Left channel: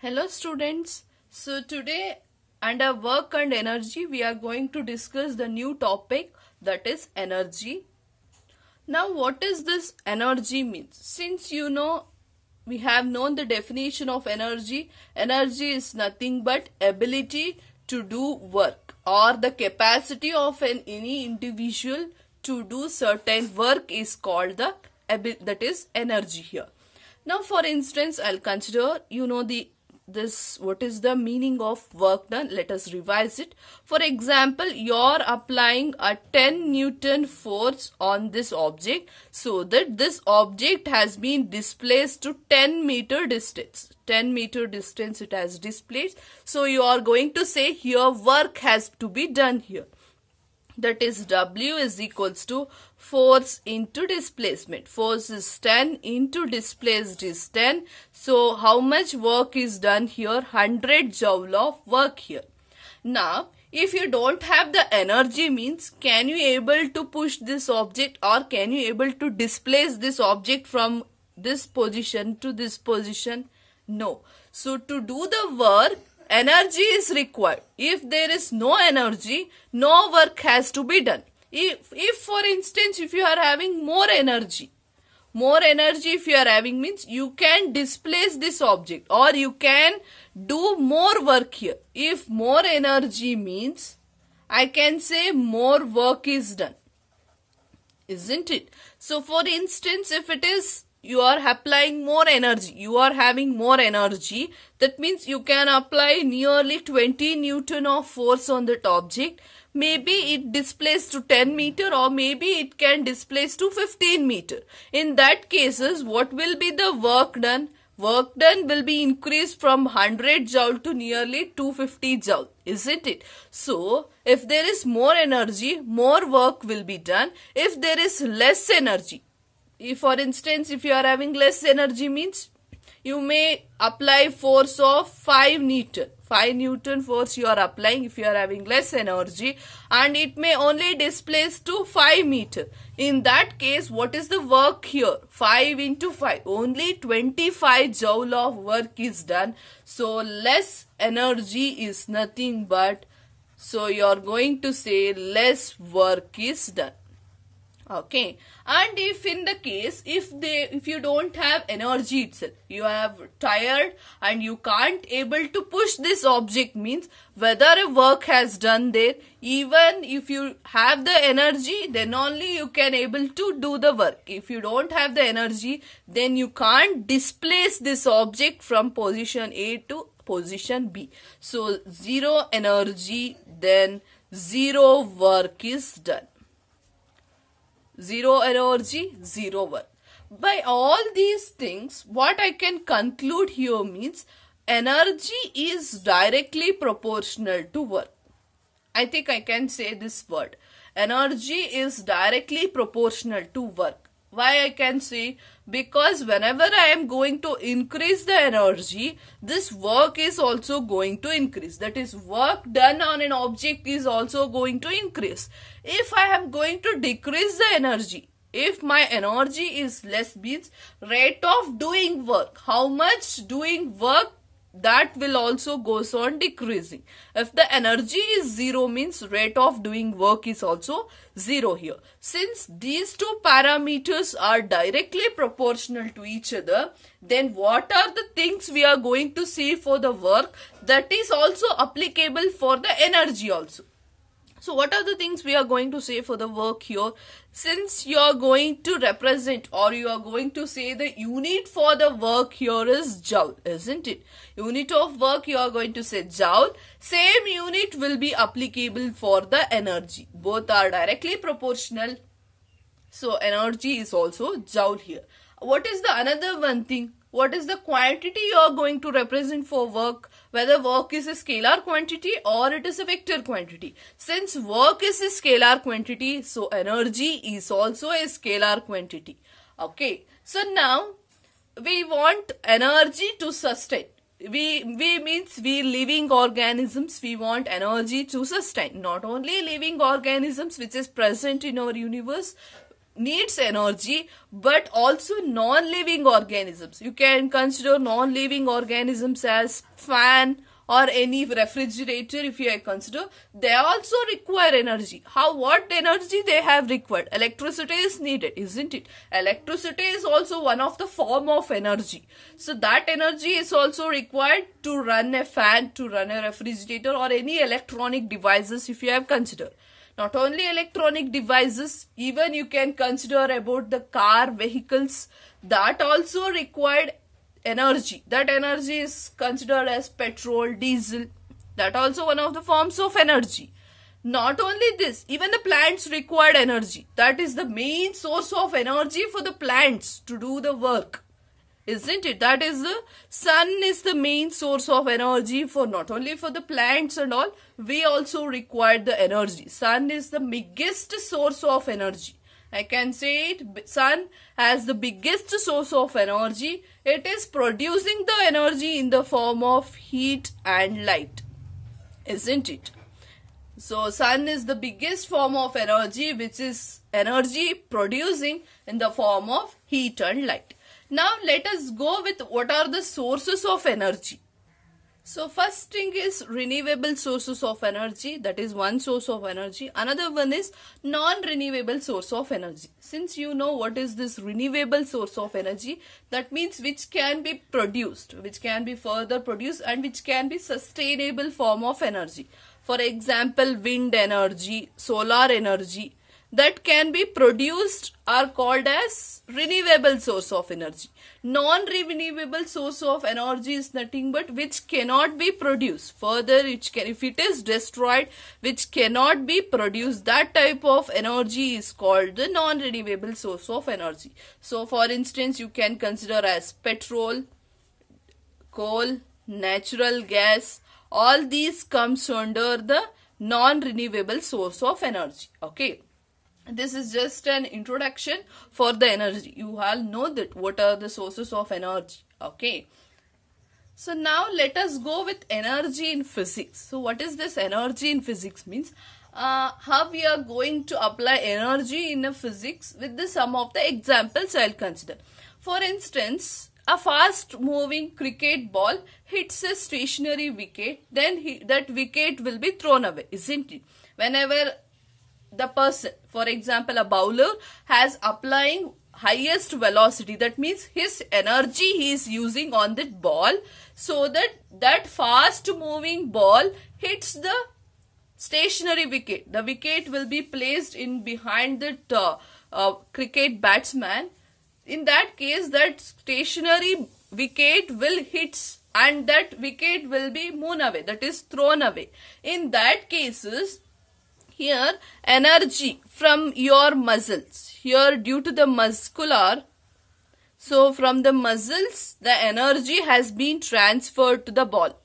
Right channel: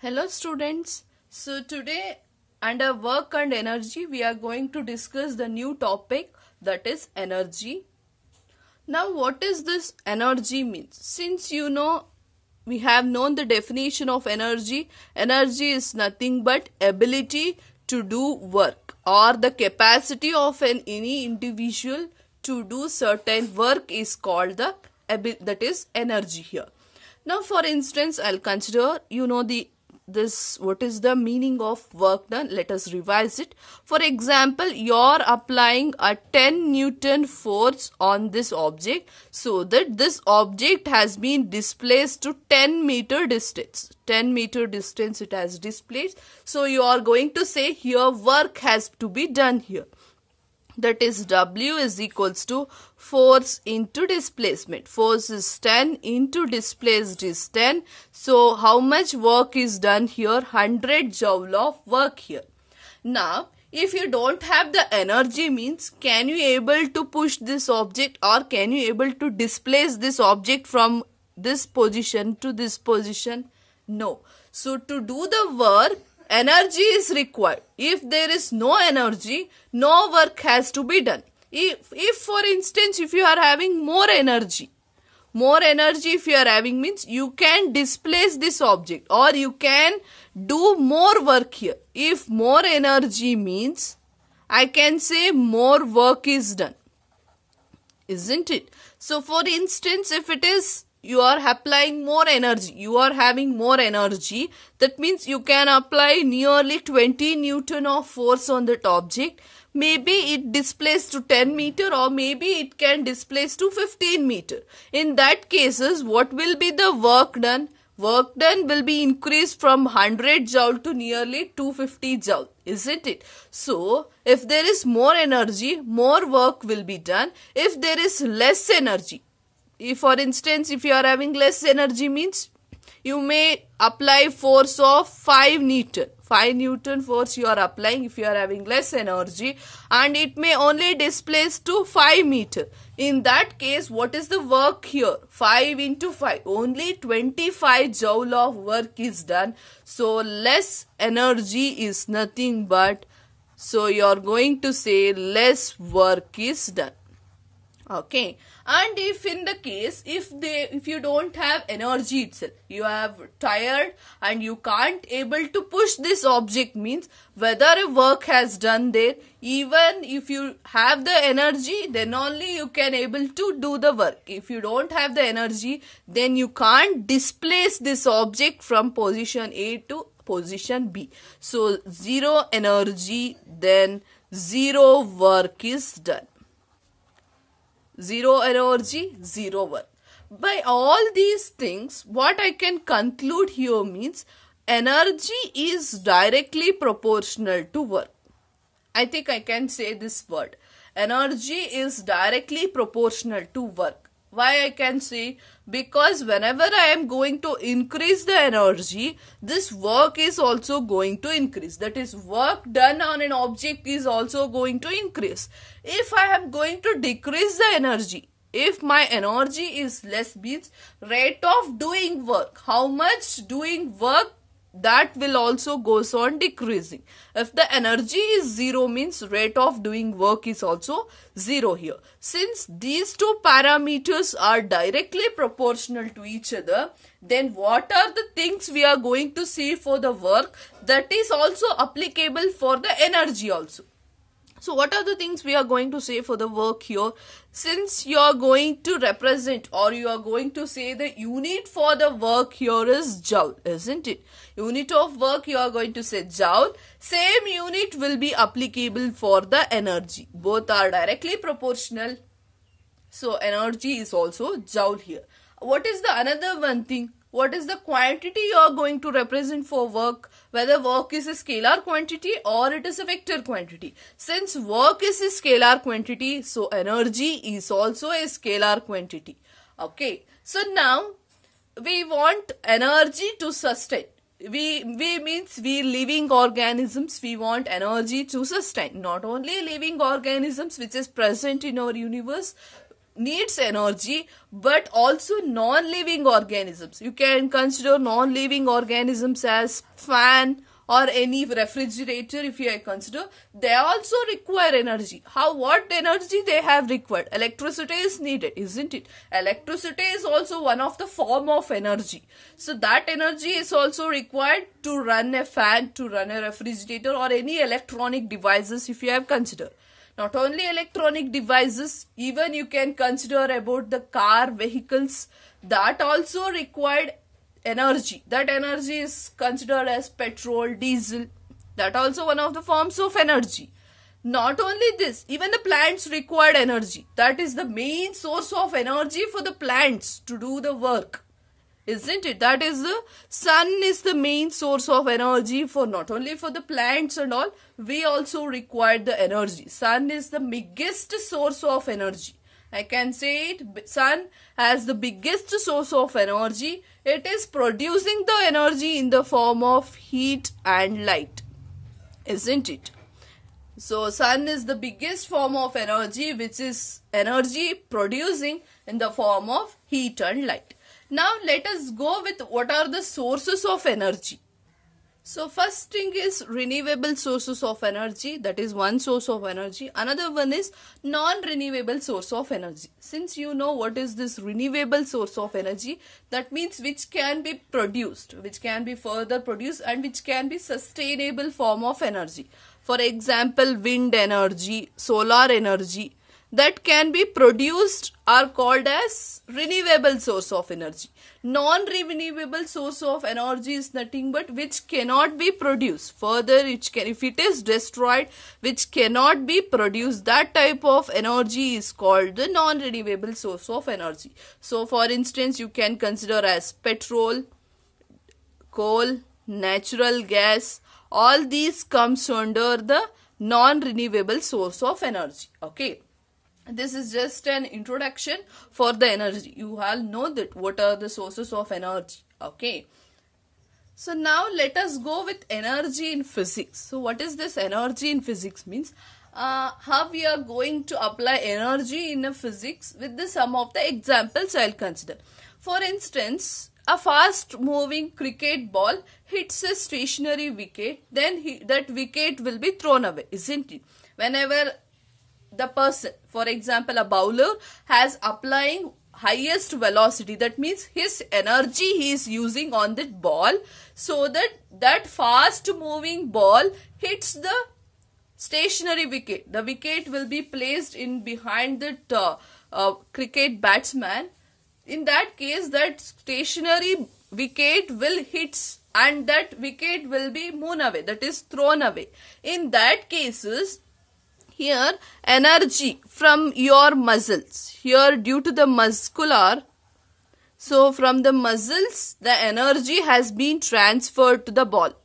Hello students. So today under work and energy we are going to discuss the new topic, that is energy. Now what is this energy means? Since you know we have known the definition of energy. Energy is nothing but ability to do work or the capacity of any individual to do certain work is called that is energy here. Now for instance, I'll consider what is the meaning of work done. Let us revise it. For example, you're applying a 10 Newton force on this object so that this object has been displaced to 10 meter distance. 10 meter distance it has displaced. So you are going to say here work has to be done here. That is W is equals to force into displacement. Force is 10 into displaced is 10. So how much work is done here? 100 joule of work here. Now if you don't have the energy means, can you able to push this object or can you able to displace this object from this position to this position? No. So to do the work, energy is required. If there is no energy, no work has to be done. If for instance, if you are having more energy if you are having means you can displace this object or you can do more work here. If more energy means, I can say more work is done, isn't it? So for instance, if it is you are applying more energy, you are having more energy, that means you can apply nearly 20 Newton of force on that object. Maybe it displaces to 10 meter or maybe it can displace to 15 meter. In that cases, what will be the work done? Work done will be increased from 100 joule to nearly 250 joule, isn't it? So, if there is more energy, more work will be done. If there is less energy, if for instance, if you are having less energy means, you may apply force of 5 Newton. 5 Newton force you are applying if you are having less energy and it may only displace to 5 meter. In that case, what is the work here? 5 into 5. Only 25 joule of work is done. So, less energy is nothing but, so you are going to say less work is done. Okay. And if in the case, if you don't have energy itself, you have tired and you can't able to push this object means whether a work has done there, even if you have the energy, then only you can able to do the work. If you don't have the energy, then you can't displace this object from position A to position B. So, zero energy, then zero work is done. Zero energy, zero work. By all these things, what I can conclude here means energy is directly proportional to work. I think I can say this word. Energy is directly proportional to work. Why I can say? Because whenever I am going to increase the energy, this work is also going to increase. That is, work done on an object is also going to increase. If I am going to decrease the energy, if my energy is less means rate of doing work, how much doing work, that will also goes on decreasing. If the energy is zero means rate of doing work is also zero here. Since these two parameters are directly proportional to each other, then what are the things we are going to see for the work that is also applicable for the energy also? So what are the things we are going to say for the work here? Since you are going to represent or you are going to say the unit for the work here is joule, isn't it? Unit of work you are going to say joule. Same unit will be applicable for the energy. Both are directly proportional. So energy is also joule here. What is the another one thing? What is the quantity you are going to represent for work? Whether work is a scalar quantity or it is a vector quantity. Since work is a scalar quantity, so energy is also a scalar quantity. Okay. So now we want energy to sustain. We means we living organisms, we want energy to sustain. Not only living organisms which is present in our universe, needs energy, but also non-living organisms. You can consider non-living organisms as fan or any refrigerator. If you consider, they also require energy. What energy they have required? Electricity is needed, isn't it? Electricity is also one of the form of energy. So that energy is also required to run a fan, to run a refrigerator or any electronic devices if you have considered. Not only electronic devices, even you can consider about the car, vehicles, that also required energy. That energy is considered as petrol, diesel. That also one of the forms of energy. Not only this, even the plants required energy. That is the main source of energy for the plants to do the work, isn't it? That is the sun is the main source of energy for not only for the plants and all. We also require the energy. Sun is the biggest source of energy. I can say it. Sun has the biggest source of energy. It is producing the energy in the form of heat and light, isn't it? So sun is the biggest form of energy, which is energy producing in the form of heat and light. Now let us go with what are the sources of energy. So first thing is renewable sources of energy. That is one source of energy. Another one is non-renewable source of energy. Since you know what is this renewable source of energy, that means which can be produced, which can be further produced and which can be sustainable form of energy. For example, wind energy, solar energy that can be produced are called as renewable source of energy. Non-renewable source of energy is nothing but which cannot be produced. Further, if it is destroyed, which cannot be produced, that type of energy is called the non-renewable source of energy. So, for instance, you can consider as petrol, coal, natural gas. All these comes under the non-renewable source of energy. Okay. This is just an introduction for the energy. You all know that what are the sources of energy. Okay. So now let us go with energy in physics. So what is this energy in physics means? How we are going to apply energy in a physics with the some of the examples I will consider. For instance, a fast moving cricket ball hits a stationary wicket, then that wicket will be thrown away, isn't it? Whenever the person, for example, a bowler has applying highest velocity, that means his energy he is using on that ball, so that fast moving ball hits the stationary wicket. The wicket will be placed in behind the cricket batsman. In that case, that stationary wicket will hit and that wicket will be moon away, that is thrown away. In that cases, here energy from your muscles, here due to the muscular, so from the muscles the energy has been transferred to the ball.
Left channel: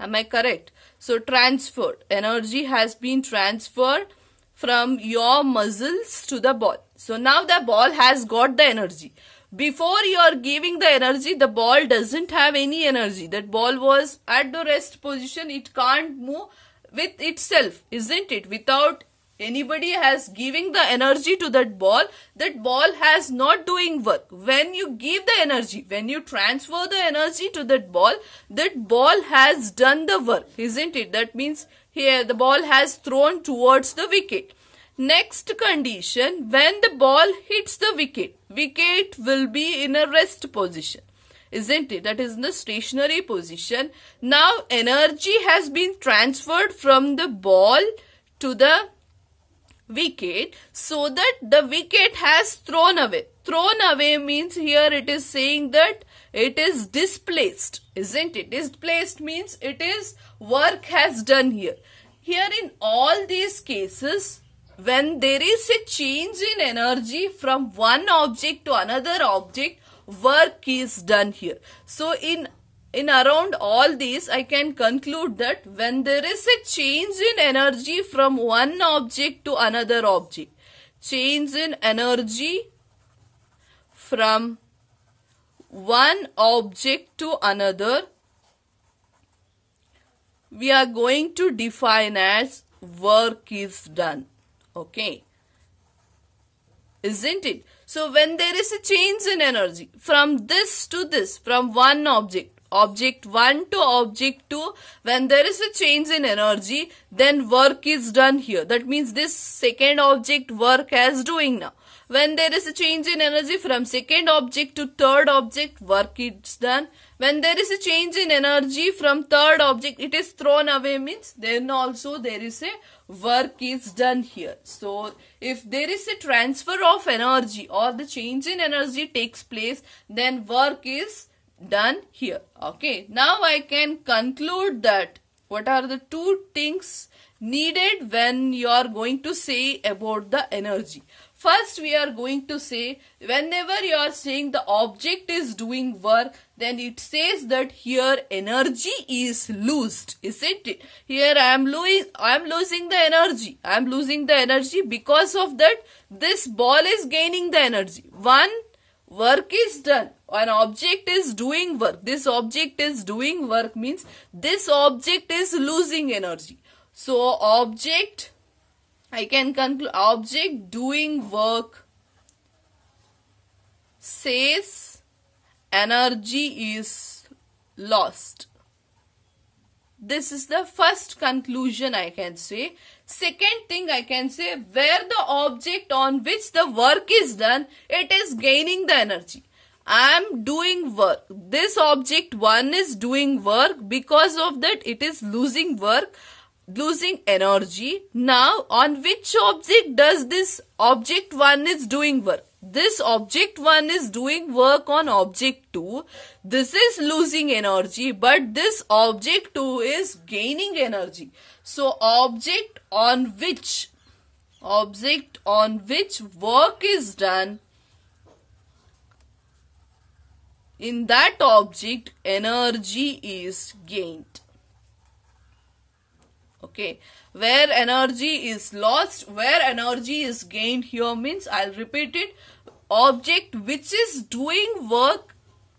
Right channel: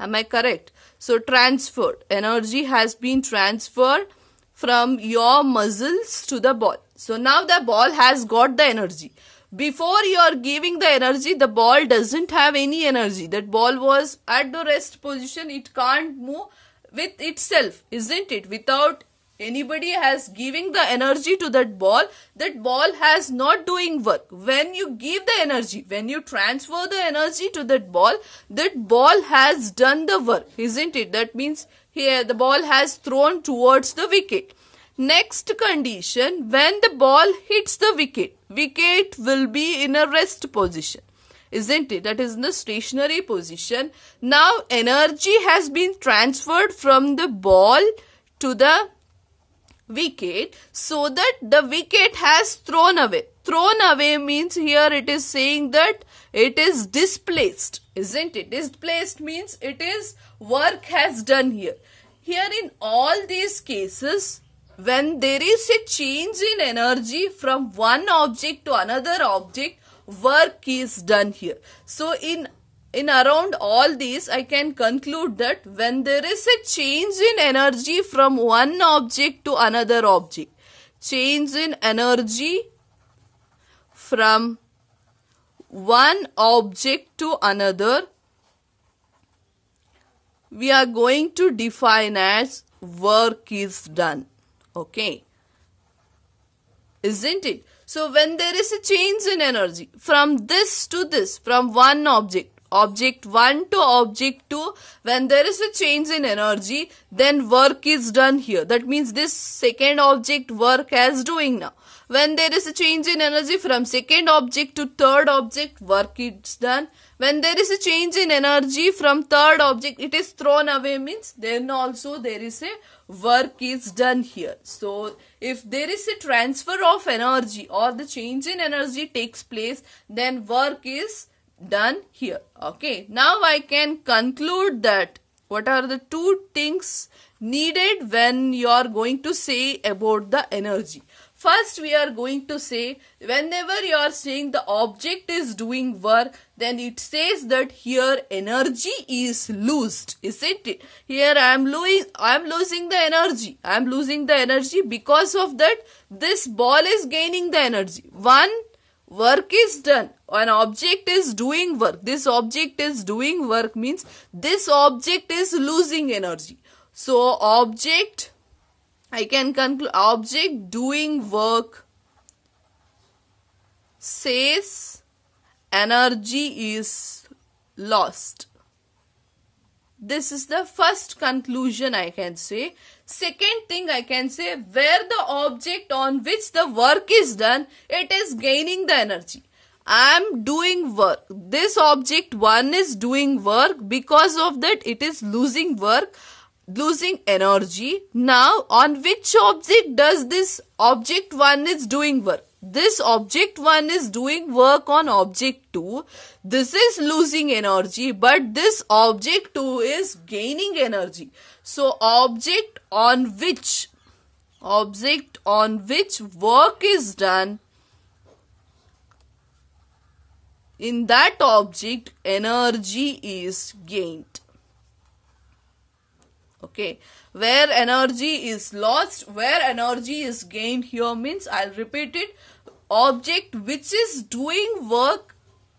Am I correct? So transferred, energy has been transferred from your muscles to the ball. So now the ball has got the energy. Before you are giving the energy, the ball doesn't have any energy. That ball was at the rest position, it can't move with itself, isn't it? Without anybody has giving the energy to that ball has not doing work. When you give the energy, when you transfer the energy to that ball has done the work, isn't it? That means here the ball has thrown towards the wicket. Next condition, when the ball hits the wicket will be in a rest position, isn't it? That is in the stationary position. Now energy has been transferred from the ball to the wicket, so that the wicket has thrown away. Thrown away means here it is saying that it is displaced, isn't it? Displaced means it is work has done here. Here in all these cases, when there is a change in energy from one object to another object, work is done here. So in around all these, I can conclude that when there is a change in energy from one object to another object, change in energy from one object to another, we are going to define as work is done. Okay. isn't it? So when there is a change in energy from this to this, from one object 1 to object 2, when there is a change in energy, then work is done here. That means this second object work as doing now. When there is a change in energy from second object to third object, work is done. When there is a change in energy from third object, it is thrown away, means then also there is a work is done here. So if there is a transfer of energy or the change in energy takes place, then work is done here. Okay, now I can conclude that what are the two things needed when you are going to say about the energy. First, we are going to say, whenever you are saying the object is doing work, then it says that here energy is loosed, isn't it? Here I am losing the energy. I am losing the energy. Because of that, this ball is gaining the energy. One work is done. An object is doing work. This object is doing work means this object is losing energy. So object, I can conclude, object doing work says energy is lost. This is the first conclusion I can say. Second thing I can say, where the object on which the work is done, it is gaining the energy. I am doing work. This object 1 is doing work. Because of that, it is losing work, losing energy. Now, on which object does this object 1 is doing work? This object 1 is doing work on object 2. This is losing energy, but this object 2 is gaining energy. So, object on which work is done, in that object energy is gained. Okay, where energy is lost, where energy is gained here means, I'll repeat it, object which is doing work,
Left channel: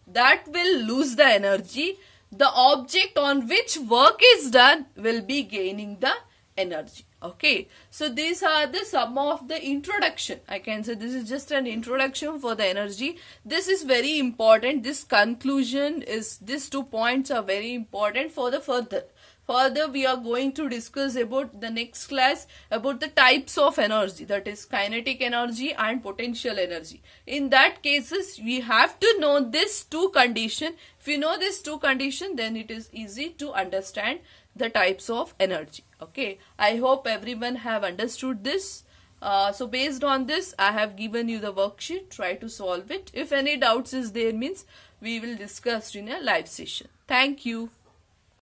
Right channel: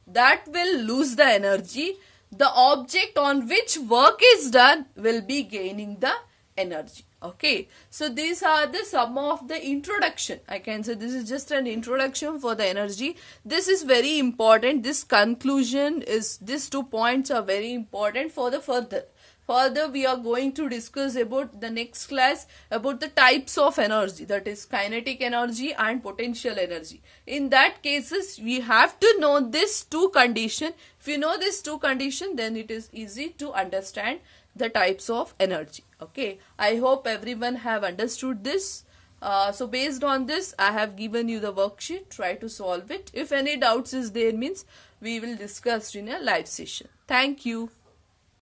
that will lose the energy. The object on which work is done will be gaining the energy. Okay, so these are the some of the introduction. I can say this is just an introduction for the energy. This is very important. This conclusion is, these 2 points are very important for the further. Further, we are going to discuss about the next class about the types of energy, that is kinetic energy and potential energy. In that cases, we have to know these 2 conditions. If you know these 2 conditions, then it is easy to understand the types of energy. Okay, I hope everyone have understood this. So based on this, I have given you the worksheet. Try to solve it. If any doubts is there means, we will discuss in a live session. Thank you.